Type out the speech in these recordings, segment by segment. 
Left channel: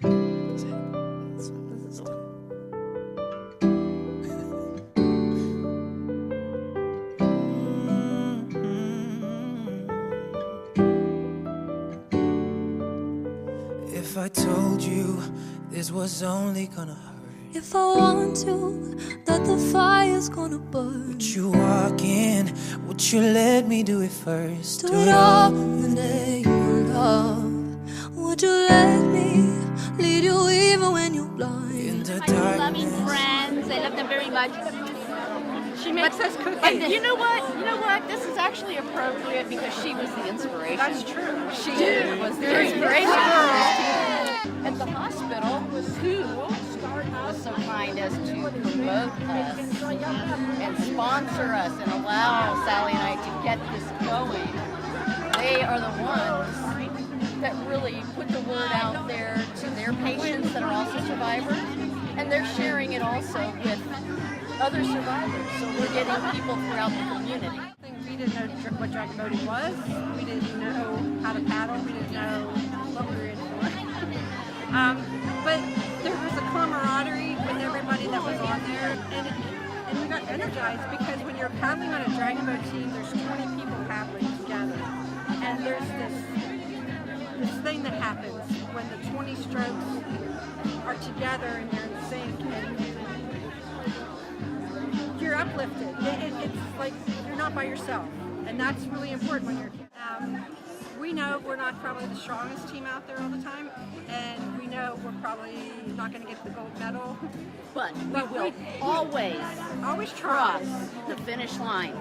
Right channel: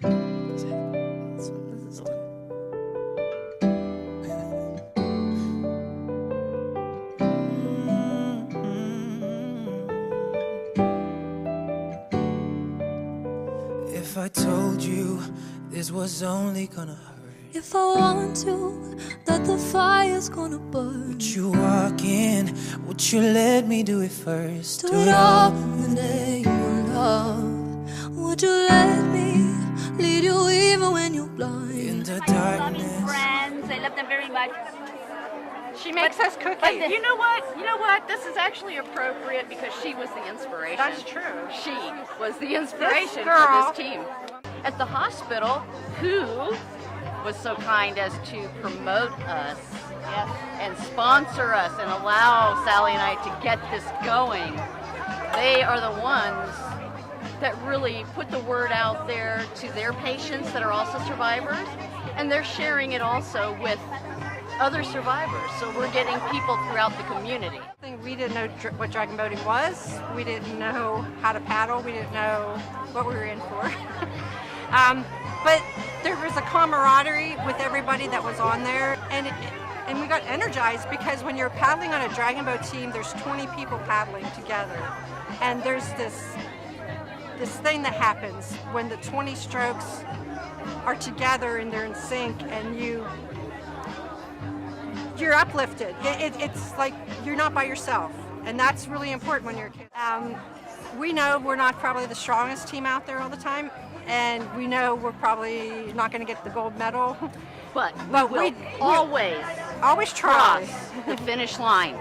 This is one. If I told you this was only gonna hurt, if I want to, that the fire's gonna burn, would you walk in? Would you let me do it first? do it all in the name of love. Would you let me lead you even when you're blind? In the Loving darkness. friends. I love them very much. She makes us cookies. You know what? You know what? This is actually appropriate because she was the inspiration. That's true. She was the inspiration for this team. At the hospital, who was so kind as to promote us and sponsor us and allow Sally and I to get this going. They are the ones that really put the word out there to their patients that are also survivors, and they're sharing it also with other survivors. So we're getting people throughout the community. We didn't know what dragon boating was. We didn't know how to paddle. We didn't know what we were in for. But there was a camaraderie with everybody that was on there, and we got energized because when you're paddling on a dragon boat team, there's 20 people paddling together, and there's this thing that happens when the 20 strokes are together and they're in sync, and you're uplifted. It's like you're not by yourself, and that's really important when you're a kid. We know we're not probably the strongest team out there all the time, and we know we're probably not going to get the gold medal, But we always try. cross the finish line.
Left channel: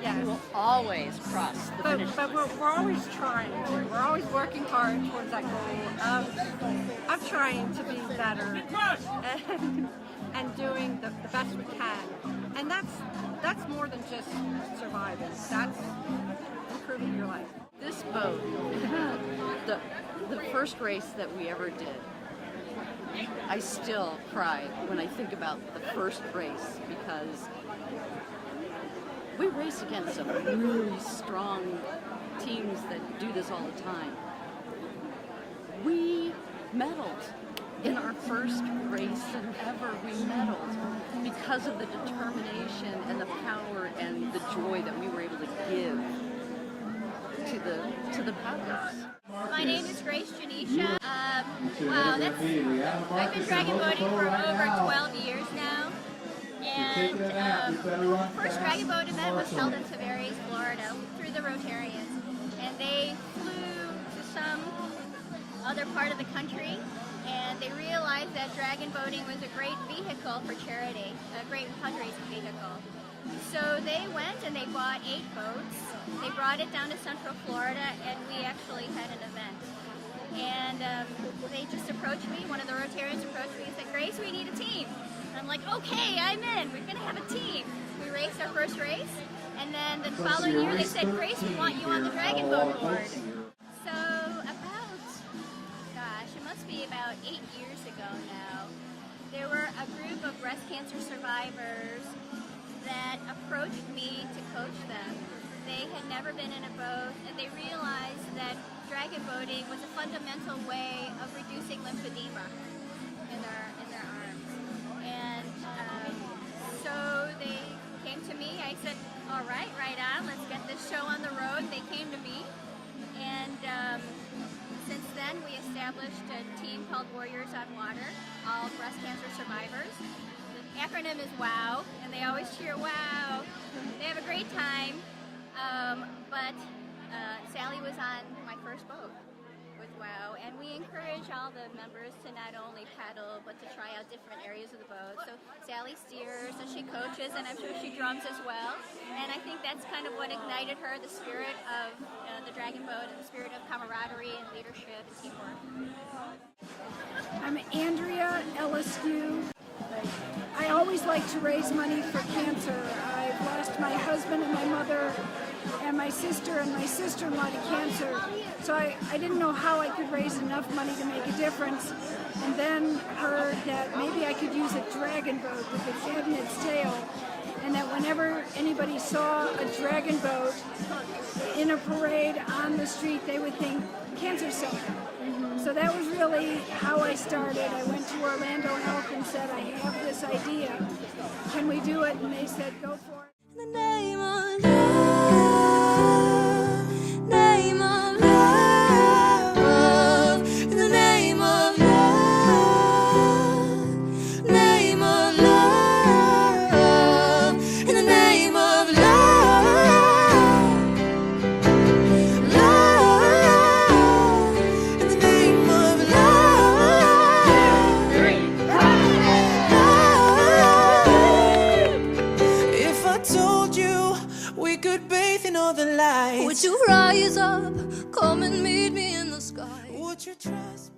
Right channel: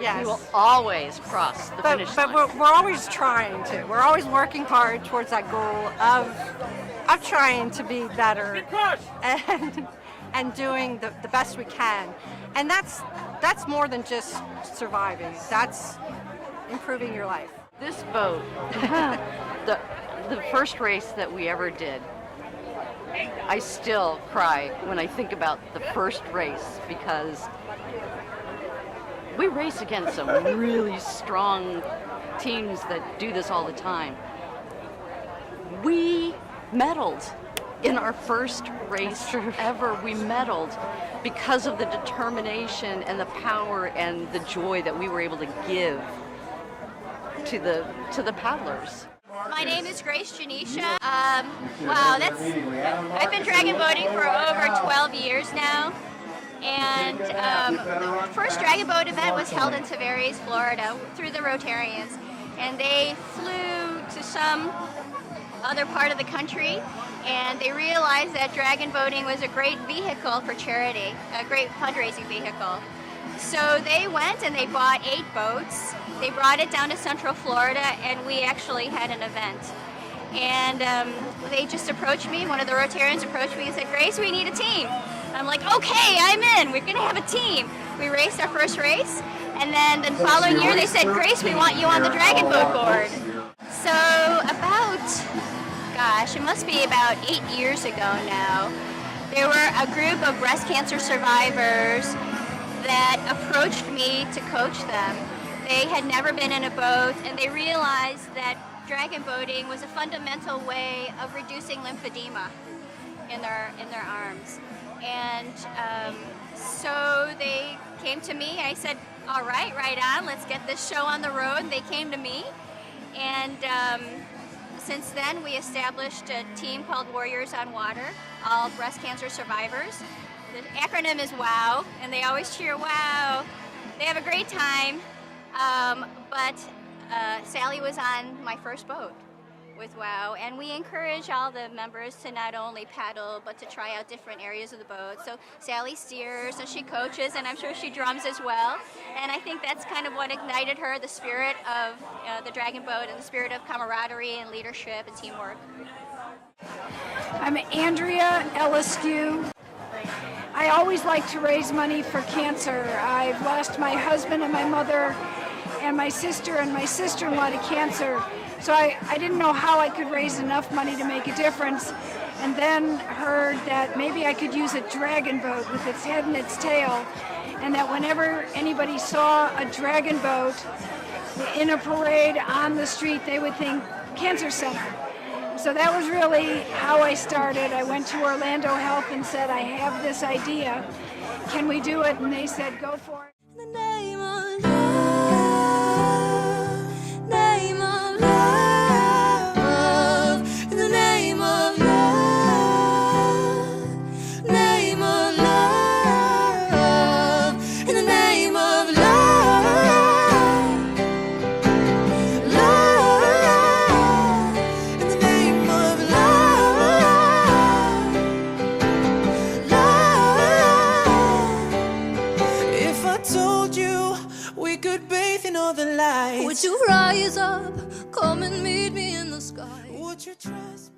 Yes. We will always cross the finish But line. we're always trying to. We're always working hard towards that goal of trying to be better and doing the best we can. And that's more than just surviving. That's improving your life. This boat, the first race that we ever did, I still cry when I think about the first race because we race against some really strong teams that do this all the time. We medaled in our first race ever. We medaled because of the determination and the power and the joy that we were able to give to the paddlers. My name is Grace Janisha. Wow, I've been dragon boating for over 12 years now. And the first dragon boat event was held in Tavares, Florida, through the Rotarians. And they flew to some other part of the country, and they realized that dragon boating was a great vehicle for charity, a great fundraising vehicle. So they went and they bought 8 boats. They brought it down to Central Florida, and we actually had an event. And they just approached me, one of the Rotarians approached me and said, Grace, we need a team. And I'm like, okay, I'm in, we're gonna have a team. We raced our first race, and then the following year they said, Grace, we want you on the dragon boat board. So about, gosh, it must be about 8 years ago now, there were a group of breast cancer survivors that approached me to coach them. They had never been in a boat, and they realized that dragon boating was a fundamental way of reducing lymphedema in their arms. And so they came to me. I said, all right, right on, let's get this show on the road. They came to me, and since then we established a team called Warriors on Water, all breast cancer survivors. The acronym is WOW, and they always cheer WOW. They have a great time, but Sally was on my first boat with WOW, and we encourage all the members to not only paddle, but to try out different areas of the boat. So Sally steers, so she coaches, and I'm sure she drums as well. And I think that's kind of what ignited her, the spirit of the dragon boat and the spirit of camaraderie and leadership and teamwork. I'm Andrea Elliskew. I always like to raise money for cancer. I've lost my husband and my mother and my sister and my sister-in-law to cancer. So I didn't know how I could raise enough money to make a difference, and then heard that maybe I could use a dragon boat with its head and its tail, and that whenever anybody saw a dragon boat in a parade on the street, they would think Cancer Center. So that was really how I started. I went to Orlando Health and said, I have this idea. Can we do it? And they said, go for it. In the name of love, name of love, in the name of love, name of love, in the name of love, love, in the name of love, love. If I told you we could bathe in all the lights, Would you rise up, come and meet me in the sky? would you trust me?